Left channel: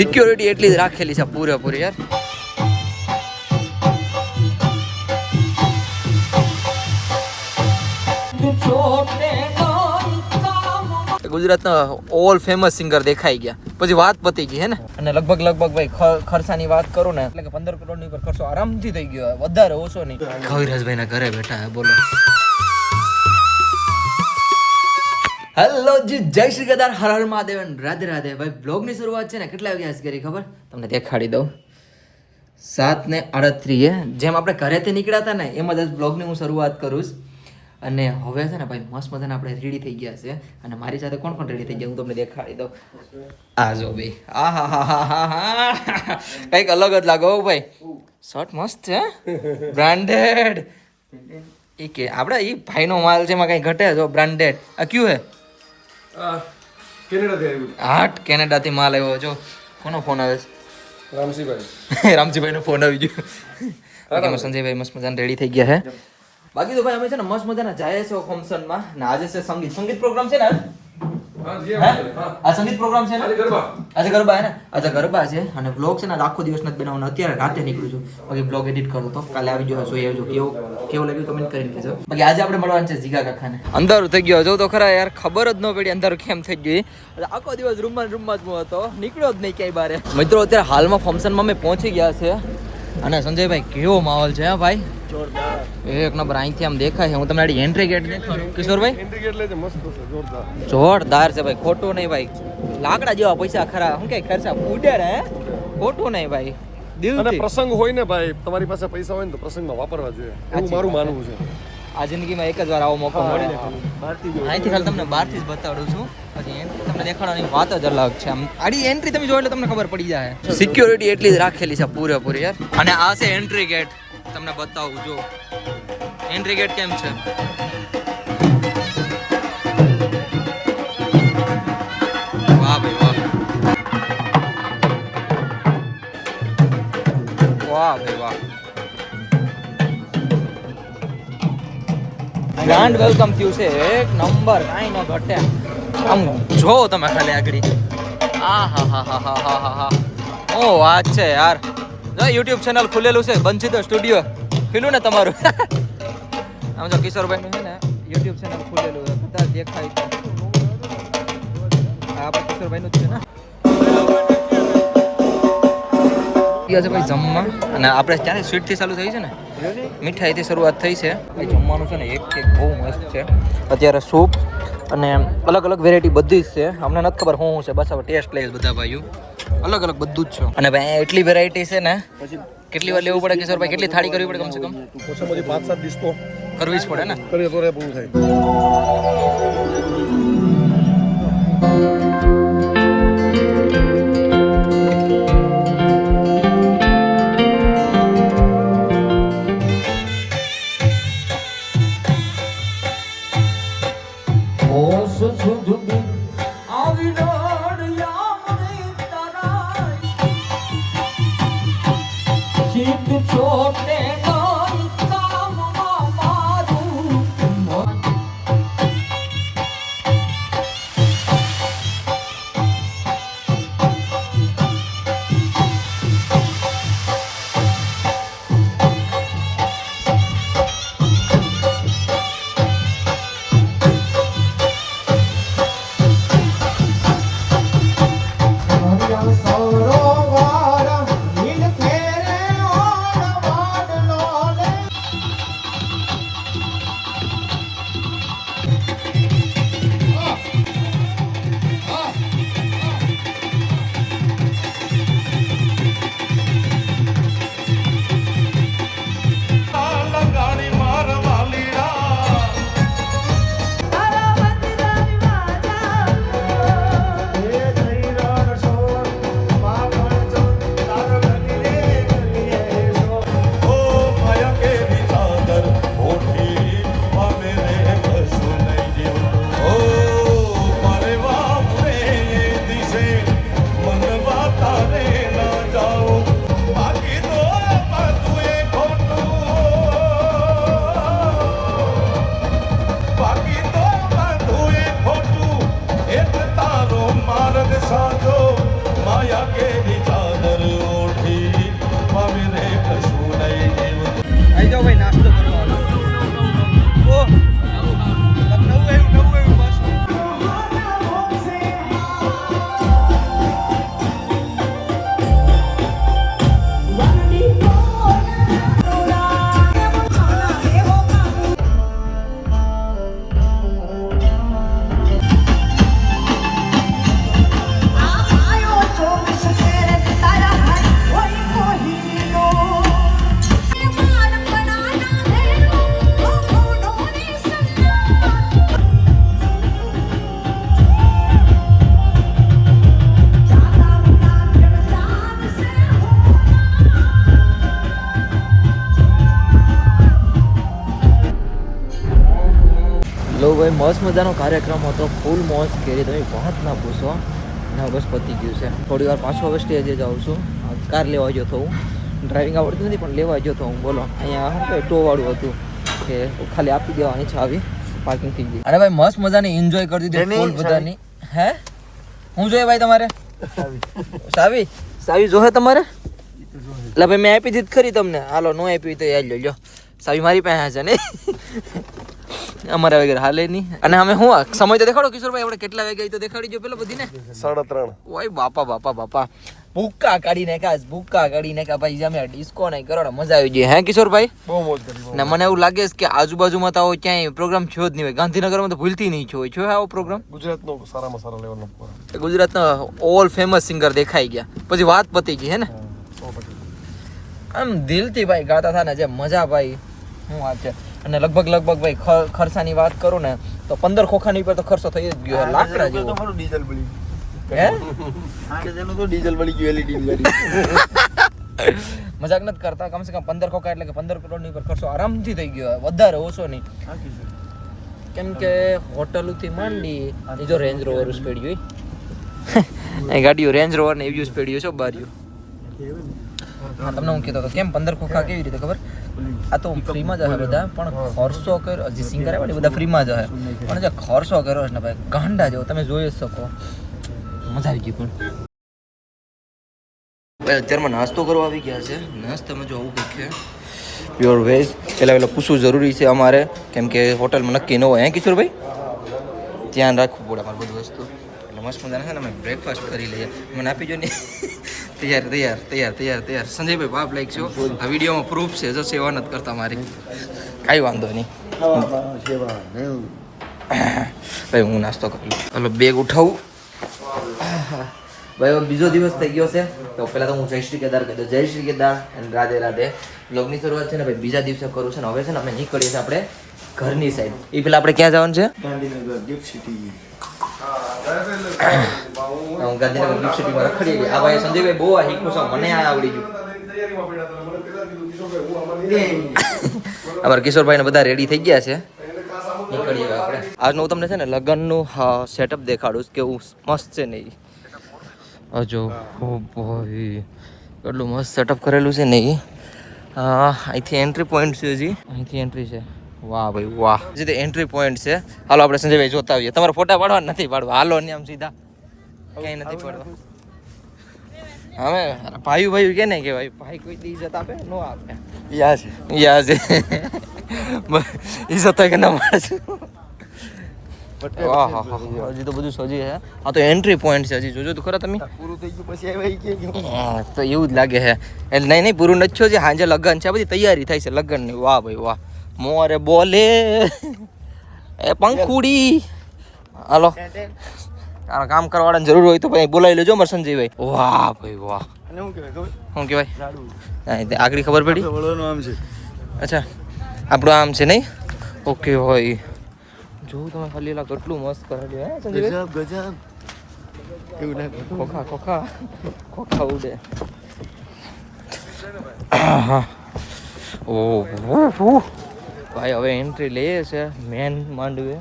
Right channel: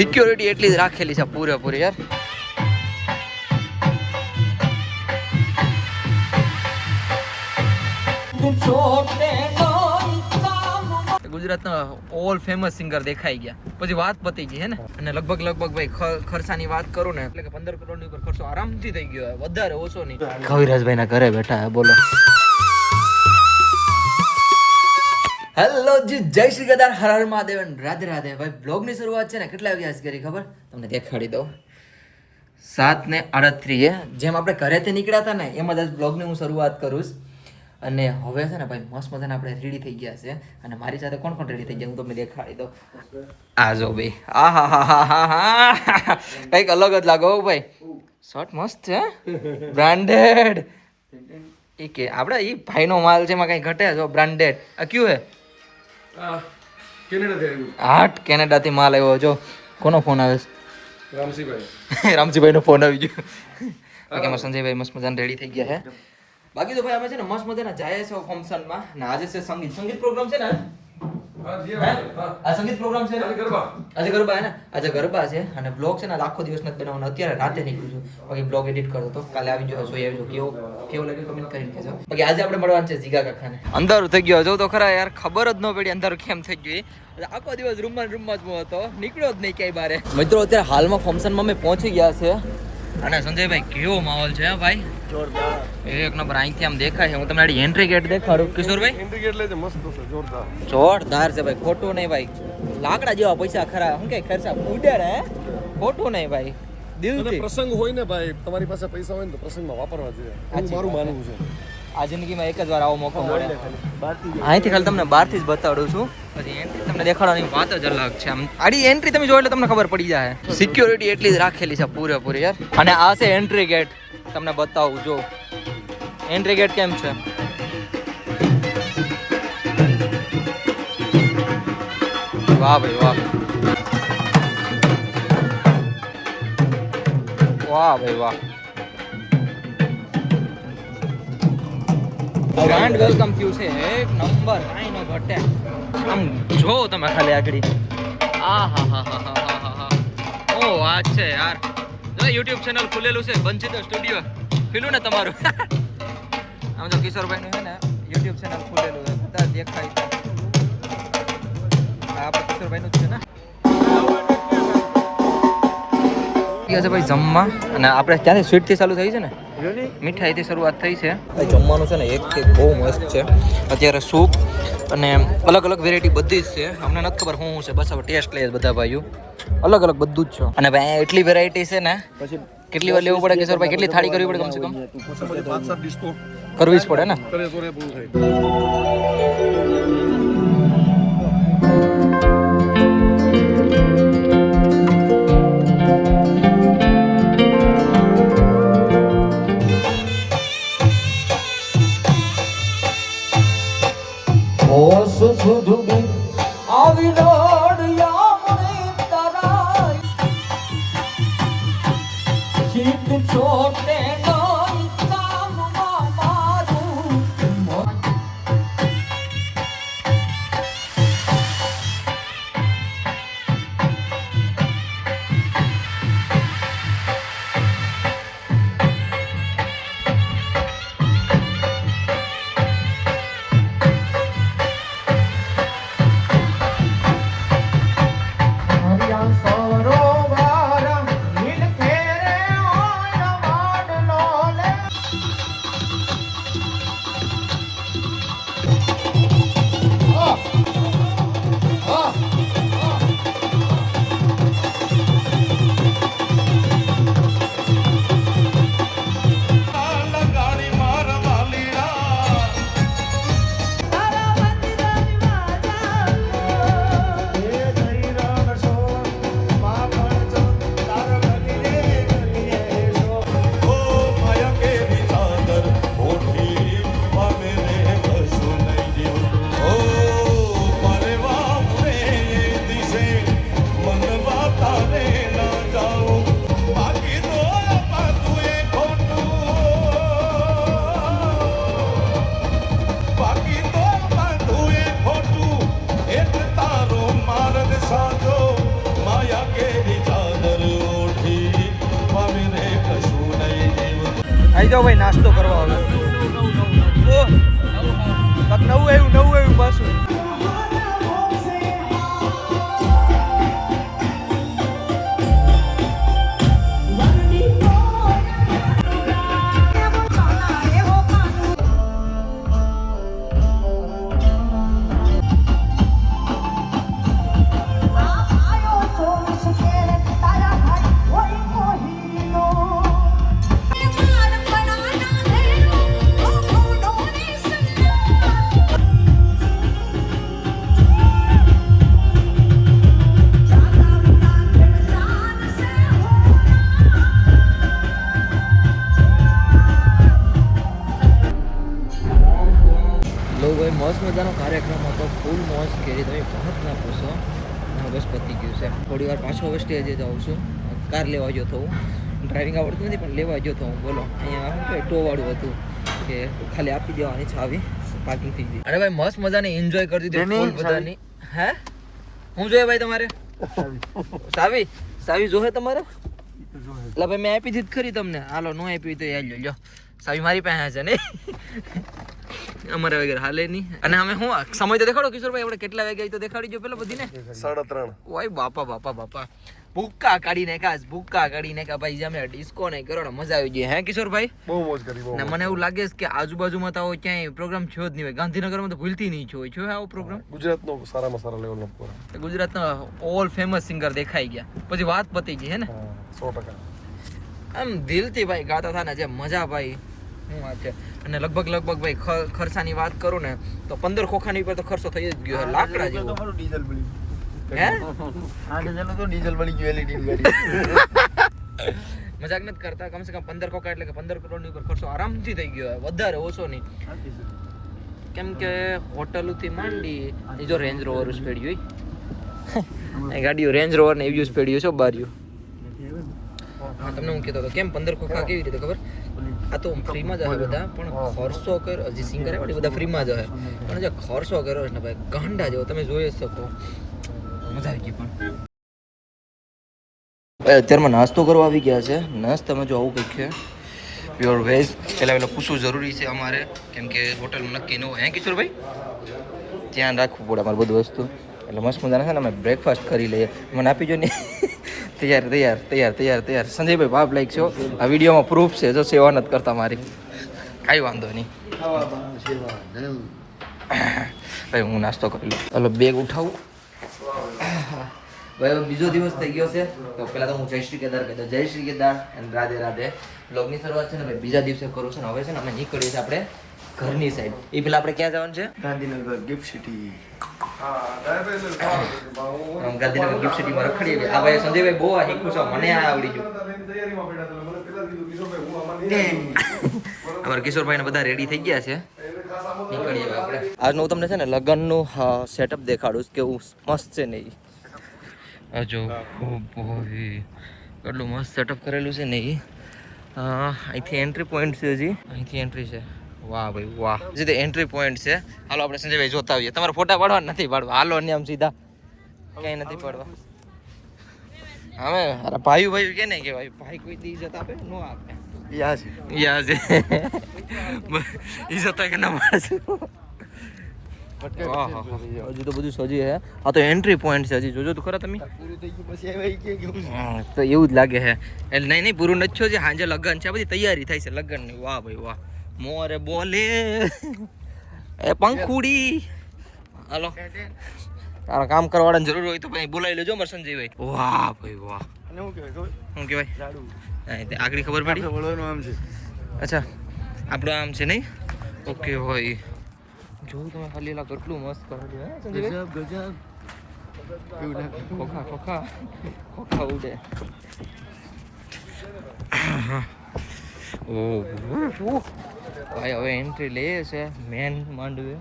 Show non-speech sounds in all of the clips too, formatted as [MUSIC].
Security એટલી જ રાખેલી છે પૂરેપૂરી, યાર. ગુજરાતના ઓલ ફેમસ સિંગર દેખાઈ ગયા. પછી વાત પતી ગઈ, હે ને? અને લગભગ લગભગ ભાઈ ખર્ચાની વાત કરું ને, એટલે કે પંદર કરોડની ઉપર ખર્ચો આરામથી થઈ ગયો, વધારે ઓછો નહીં. કવિરાજભાઈના ઘરે બેઠા હે, બોલો. હેલો જી, જય શ્રી ગદાર, હર હર મહાદેવ રાધે રાધે. ભાઈ બ્લોગની શરૂઆત છે ને, કેટલા વાગ્યા છે કરી ખબર? તમને દેખાડી દઉં. સાત ને આડત્રીએ. જેમ આપણે ઘરેથી નીકળ્યા હતા ને, એમ જ બ્લોગની હું શરૂઆત કરું. અને હવે છે ને, ભાઈ, મસ્ત મજાને આપણે રેડી થઈ ગયા છે. અને મારી સાથે કોણ કોણ રેડી થઈ ગયા, હું તમને દેખાડી દઉં. આ જો ભાઈ, આ હા હા હા હા હા. કંઈક અલગ જ લાગો ભાઈ. શર્ટ મસ્ત છે બ્રાન્ડેડ એ કે, આપણે એ ભાઈનો માલ છે, એમાં કંઈ ઘટે જો બ્રાન્ડેડ આ કયું હે? કેનેડાથી આવ્યું હાટ કેનેડાથી માલ આવ્યો. જો કોનો ફોન આવે રામસિંહભાઈ રામજીભાઈ. [LAUGHS] રામજીભાઈનો ફોન આવી ગયો. બાકી અમારા સંજયભાઈ મસ્ત મજાને રેડી થઈ ગયા છે. બાકી તો ભાઈ અમે છે ને મસ્ત મજાના જાય છે ફંક્શનમાં ને આજે છે સંગીત. સંગીત પ્રોગ્રામ છે ને? આ સંગીત પ્રોગ્રામ છે ને? આજે ગરબા. હે ને? આજે ગરબા છે અને બ્લોગ છે ને આખો દિવસ નથી બનાવવાનો. અત્યારે રાતે નીકળું છું. બાકી બ્લોગ એડિટ કરતો તો કાલે આવી જજો જોઈએ આવજો. કેવું કેવું લાગ્યું કમેન્ટ કરીને કહેજો. બાકી આજે આપણે મળવાનું છે જીગા કાકાને. અંધારું થઈ ગયો જો તો ખરા યાર. ખબર જ ન પડી અંધારું કેમ થઈ ગયું આખો દિવસ રૂમમાં રૂમમાં જ હું હતો. નીકળ્યો જ નહીં ક્યાંય બારે. મિત્રો અત્યારે હાલમાં ફંક્શનમાં અમે પહોંચી ગયા છે. અને સંજયભાઈ કેવો માહોલ છે ભાઈ? ભાઈ એક નંબર અહીંથી આમ દેખાય છે. હું તમને એન્ટ્રી ગેટ દેખાડું. કિશોરભાઈ? એન્ટ્રી ગેટ લેજે મસ્ત છે જોરદાર. જોરદાર છે ભાઈ ખોટું નહીં ભાઈ. લાકડા જેવા પૈસા ખરા હું કે ખર્ચા ઉડેર હે? ખોટું નહીં ભાઈ. દિલથી. પ્રસંગ હોય ને ભાઈ તમારી પાસે પૈસા હોય ને તો પ્રસંગમાં વાપરવા જોઈએ. એવું મારું માનવું છે. આ જિંદગીમાં એક જ વાર આવો મોકો મળે. અહીંથી ખાલી તમને બહારથી જ બતાડું છું. પછી તમને દેખાડવાની વાત જ અલગ છે. આમ આડી એન્ટ્રી તમે જોઈ એટલે તમને ખબર પડી જાય સિક્યોરિટી એટલી જ રાખેલી છે પૂરેપૂરી યાર. અને આ છે એન્ટ્રી ગેટ તમને બતાવું જો. એન્ટ્રી ગેટ કેમ છે? વાહ ભાઈ વાહ. વાહ ભાઈ વાહ. ગ્રાન્ડ વેલકમ થયું છે એક નંબર કાંઈ ન ઘટે આમ જો તમે ખાલી આગળ. આ હા હા હા હા હા હા હા. ઓ વાત છે યાર. જો યુટ્યુબ ચેનલ ખુલેલું છે બંચિતો સ્ટુડિયો ખુલ્લું ને તમારું? [LAUGHS] આમ જો કિશોરભાઈનું છે ને યુટ્યુબ ચેનલ ખુલેલું છે બધા દેખાય આ કિશોરભાઈનું જ છે ને. ગયા છે ભાઈ જમવા. અને આપણે ત્યાંથી સ્વીટથી ચાલુ થઈ છે ને? મીઠાઈથી શરૂઆત થઈ છે. ભાઈ જમવાનું છે ને એકથી બહુ મસ્ત છે. અત્યારે સૂપ અને અલગ અલગ વેરાયટી બધી જ છે. અમને નથી ખબર શું શું છે. બસ હવે ટેસ્ટ લઈએ બધા ભાઈઓ. અલગ અલગ બધું જ છે. અને ભાઈ એટલી વેરાયટી છે ને કેટલી વાર લેવું પડે કિશોરભાઈ? કેટલી થાળી કરવી પડે કમસે કમ? કરવી જ પડે ને? સુધુડી આવી જાઓ ભાઈ નાસ્તો કરવા હવે મસ્ત મજાનો કાર્યક્રમ હતો. ફૂલ મોજ કરી તમે વાત ના પૂછો. ના બસ પતી ગયું છે. થોડી વાર પાછો હવે સ્ટેજે જાઉં છું. કાર લેવા ગયો તો હું. ડ્રાઇવિંગ આવડતું નથી પણ લેવા ગયો તો હું. બોલો. અહીંયા શું કહે ટોવાળું હતું કે ખાલી આપી દેવાની આવી. પાર્કિંગ ફી અરે ભાઈ મસ્ત મજાની એન્જોય કરી દીધી ફૂલ બધાની. હે? હું જોઈએ ભાઈ તમારે? સાવી. સાવી જોહે તમારે? એટલે ભાઈ મેં આપી દીધી ખરી તમને. હાલો નો આપી તો યાદ લો સાવી મારી પાસે છે ને. અમારા વગર હાલે નહીં. અને અમે હું સમય તો દેખાડો કિશોરભાઈ આપણે કેટલા વાગે તો દેખાડી જો પેલો બધી ને સાડા ત્રણ. ઓય બાપા બાપા બાપા. ભૂક્કા કાઢી નાખ્યા ભૂક્કા કાઢી નાખ્યા ભાઈ અમે ડિસ્કો નહીં કરો ને મજા આવી ગઈ. હે કિશોરભાઈ? બહુ મોજ કરી ને મને એવું લાગે છે કે આજુબાજુમાં તો ક્યાંય પ્રોગ્રામ થયો જ નહીં હોય. ગાંધીનગરમાં તો ભૂલતી નહીં છો છો આવો પ્રોગ્રામ ગુજરાતનો સારામાં સારા લેવલનો પ્રોગ્રામ ગુજરાતના ઓલ ફેમસ સિંગર દેખાઈ ગયા. પછી વાત પતી ગઈ હે ને? આમ દિલથી ભાઈ ગાતા હતા ને જે મજા ભાઈ. શું વાત છે? અને લગભગ લગભગ ભાઈ ખર્ચાની વાત કરું ને તો પંદર ખોખાની ઉપર તો ખર્ચો થઈ જ ગયો છે લાકડા જેવો. ડીઝલ બળી હે? ડીઝલ તો ડીઝલ બળી ગયું એલઈડી વાળી [LAUGHS] મજાક નથી કરતા કમસે કમ પંદર ખોખા એટલે કે પંદર કરોડની ઉપર ખર્ચો આરામથી થઈ ગયો. વધારે ઓછો નહીં. કેમ કે હોટલોથી માંડી એ જો રેન્જ રોવર સ્પીડ જોઈ એ ગાડીઓ રેન્જ રોવર ને એવી સ્પીડ છે બારીઓ? હા તમને હું કહેતો હતો કેમ પંદર ખોખા કેવી રીતે ખબર? આ તો ફ્રીમાં જ હશે બધા પણ ખર્ચો કર્યો હજી સિંગર આવ્યો ને બધા ફ્રીમાં જ હશે. પણ જે ખર્ચો કર્યો છે ને ભાઈ ગાંડા જેવો તમે જોઈ જ શકો. મજા આવી ગઈ પણ. ભાઈ અત્યારમાં નાસ્તો કરવા આવી ગયા છે. નાસ્તામાં જો આવું કંઈક છે. પ્યોર વેજ પહેલાં પહેલાં પૂછવું જરૂરી છે અમારે કેમ કે હોટલમાં નક્કી ન હોય. હે કિશોરભાઈ? ધ્યાન રાખવું પડે અમારે બધું વસ્તુ. એટલે મસ્ત મજાના છે ને અમે બ્રેકફાસ્ટ કરી લઈએ. મને આપી જો ને. તૈયાર તૈયાર તૈયાર તૈયાર તૈયાર. સંજયભાઈ બાપ લાઈક છો. આ વિડીયોમાં પ્રૂફ છે. જો સેવા નથી કરતા મારી. કાંઈ વાંધો નહીં. ભાઈ હું નાસ્તો કરી લઉં. હલો બેગ ઉઠાવું. ભાઈ હવે બીજો દિવસ થઈ ગયો છે. તો પહેલા તો હું જય શ્રી કેદાર કહી દઉં. જય શ્રી કેદાર અને રાધે રાધે. બ્લોગની શરૂઆત છે ને ભાઈ બીજા દિવસે કરું છે ને હવે છે ને અમે નીકળીએ છીએ આપણે ઘરની સાઈડ એ પેલા આપણે ક્યાં જવાનું છે? ગાંધીનગર ગિફ્ટ સિટી [COUGHS] હું ગાંધીનગર ગિફ્ટ સિટીમાં રખડીએ છીએ. આ ભાઈ સંજયભાઈ બહુ આ શીખું છે મને આ આવડી ગયું. [LAUGHS] અમારા કિશોરભાઈને બધા રેડી થઈ ગયા છે. નીકળીએ હવે આપણે. આજનું હું તમને છે ને લગ્નનું સેટઅપ દેખાડું કે કેવું મસ્ત છે ને ઈ. આ ઓ ભાઈ કેટલું મસ્ત સેટઅપ કરેલું છે ને ઈ. અહીંથી એન્ટ્રી પોઈન્ટ છે હજી. અહીંથી એન્ટ્રી છે. વાહ ભાઈ વાહ. જે એન્ટ્રી પોઈન્ટ છે. હાલો આપણે સંજયભાઈ જોતા આવીએ. તમારે ફોટા પાડવા નથી પાડવા. હાલો ને આમ સીધા. ક્યાંય નથી પડતો. હવે અરે ભાઈ ભાઈ કે નહીં કે ભાઈ ભાઈ કોઈ દી ઇજ્જત આપે? નો આપે. યા છે યા છે. ઇજ્જત કે ના મળે હજી તો બધું સજી હે. આ તો એન્ટ્રી પોઈન્ટ છે હજી. જોજો તો ખરા તમે. પૂરું થઈ ગયું પછી તો એવું જ લાગે છે એટલે નહીં નહીં પૂરું નથી થયું છે સાંજે લગ્ન છે. બધી તૈયારી થાય છે લગ્નની. વાહ ભાઈ વાહ. મોરે બોલે. એ પંખુડી. હાલો. તારા કામ કરવાળાની જરૂર હોય તો ભાઈ બોલાવી લેજો મારે સંજયભાઈ. વાહ ભાઈ વાહ. શું કહેવાય હા, આગળ ખબર પડી? આમ છે. અચ્છા આપણું આમ છે નહીં? ઓકે હોય જોઉં તમે ખાલી એલા કેટલું મસ્ત કરેલું હે સંજયભાઈ? ગજબ ગજબ. એવું લાગે. ખોખા ખોખા. ખોખા ઉડે. હા ઓહ ભાઈ હવે એન્ટ્રી લે છે મેન માંડવે.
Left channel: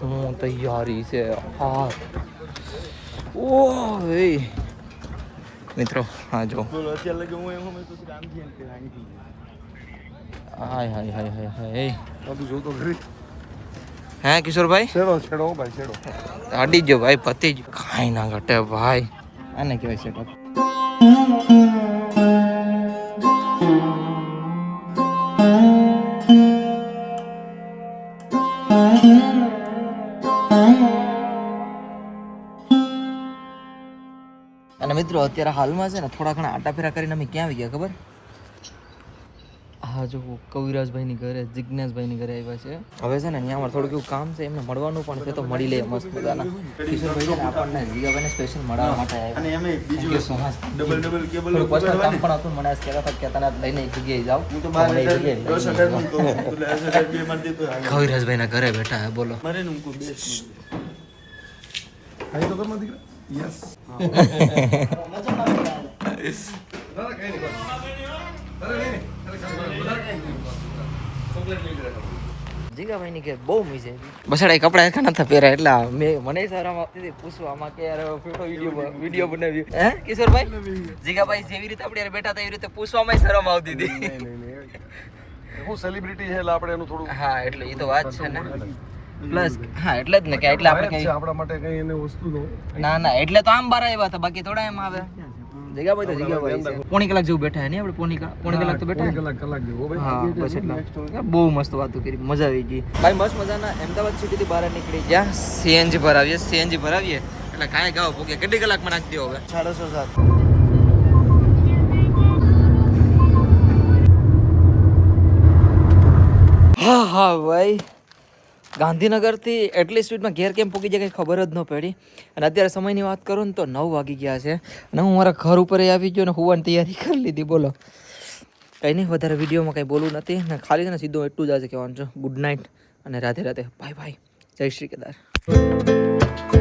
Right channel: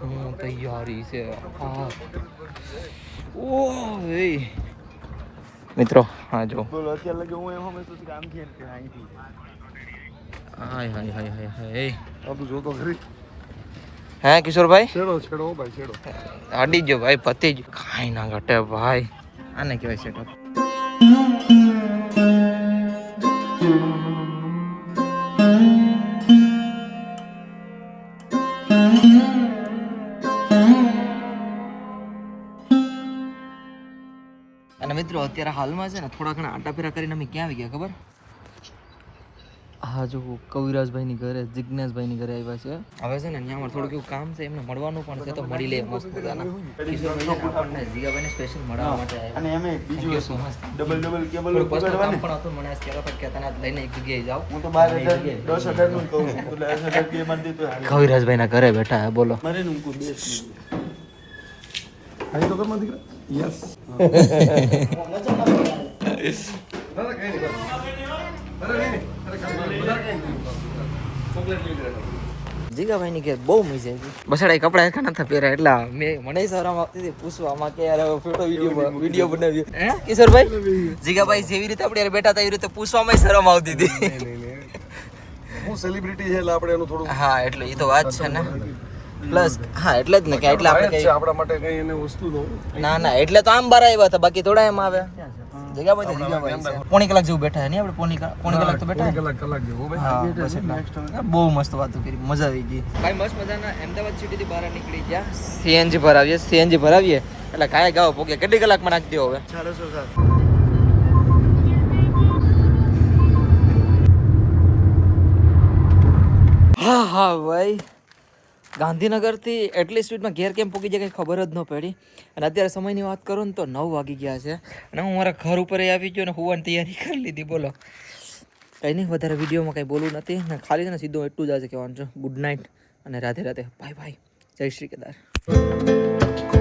હું તૈયારી છે. હા. ઓ ભાઈ મિત્રો હા જો. બોલો અત્યારે લગે હું એમ અમે તો આમ થી અહીંથી હાય હાય હાય હાય હાય આ તું જોતો ખરી. હે કિશોરભાઈ? છેડો છેડો ભાઈ છેડો. અડી ગયો ભાઈ પતી જ. કાંઈ ના ઘટે ભાઈ. આને કહેવાય સેટઅપ મિત્રો અત્યારે હાલમાં છે ને થોડા ઘણા આટા ફેરા કરીને અમે ક્યાં આવી ગયા ખબર? હા જો કવિરાજભાઈની ઘરે જિજ્ઞાસભાઈની ઘરે આવ્યા છે. હવે છે ને અહીંયા અમારે થોડુંક એવું કામ છે એમને મળવાનું પણ છે તો મળી લે મસ્ત મજાના. કિશોરભાઈ છે ને આપણને જીગાભાઈને સ્પેશિયલ મળવા માટે આવ્યા. Thank you so much double double cable થોડું પર્સનલ કામ પણ હતું મને આજ કહેતા હતા કે તને લઈને એક જગ્યાએ જાઓ. કવિરાજભાઈના ઘરે બેઠા હે બોલો. મારે ને ઉनको બેસ. ખાઈ તો કરમાં દીકરા. યસ. જીગાભાઈની ઘેર બહુ મજા આવી બસાડા કપડા એકા નતા પહેર્યા એટલે મેં મને શરમ આપતી હતી પૂછવામાં કે યાર ફોટો વીડિયો વીડિયો બનાવ્યો હે કિશોરભાઈ જીગાભાઈ જેવી રીતે આપણે બેઠા હતા એવી રીતે પૂછવામાં શરમ આવતી હતી નહીં, નહીં, નહીં. હું સેલિબ્રિટી છે એટલે આપણે એનું થોડું હા એટલે એ તો વાત છે ને પ્લસ હા એટલે જ ને કે એટલે આપણે કઈ આપણા માટે કઈ એને વસ્તુ નો ના ના એટલે તો આમ બાર આવ્યા હતા બાકી થોડા એમ આવે. જીગાભાઈ તો જીગાભાઈ છે. પોણી કલાક જેવું બેઠા આપણે? પોણી પોણી કલાક તો બેઠા કલાક કલાક જેવો ભાઈ હા બહુ મસ્ત વાતો કરી મજા આવી ગઈ. ભાઈ મસ્ત મજાના અમદાવાદ સિટીથી બહાર નીકળી ગયા. સીએનજી ભરાવીએ સીએનજી ભરાવીએ. એટલે કાંઈ ગાવ પોકે કેટલી કલાકમાં નાખી દો હવે? સાડા સાત. હા હા ભાઈ. ગાંધીનગરથી એટલી સ્પીડમાં ઘેર કેમ પૂકી જાય કંઈ ખબર જ ન પડી. અને અત્યારે સમયની વાત કરું ને તો નવ વાગી ગયા છે. અને હું મારા ઘર ઉપર આવી ગયો ને હોવાની તૈયારી કરી લીધી, બોલો. કંઈ નહીં, વધારે વિડીયોમાં કંઈ બોલવું નથી. ને ખાલી છે ને સીધું એટલું જ આજે કહેવાનું છે. ગુડ નાઇટ અને રાધે રાધે. બાય બાય જય શ્રી કેદાર.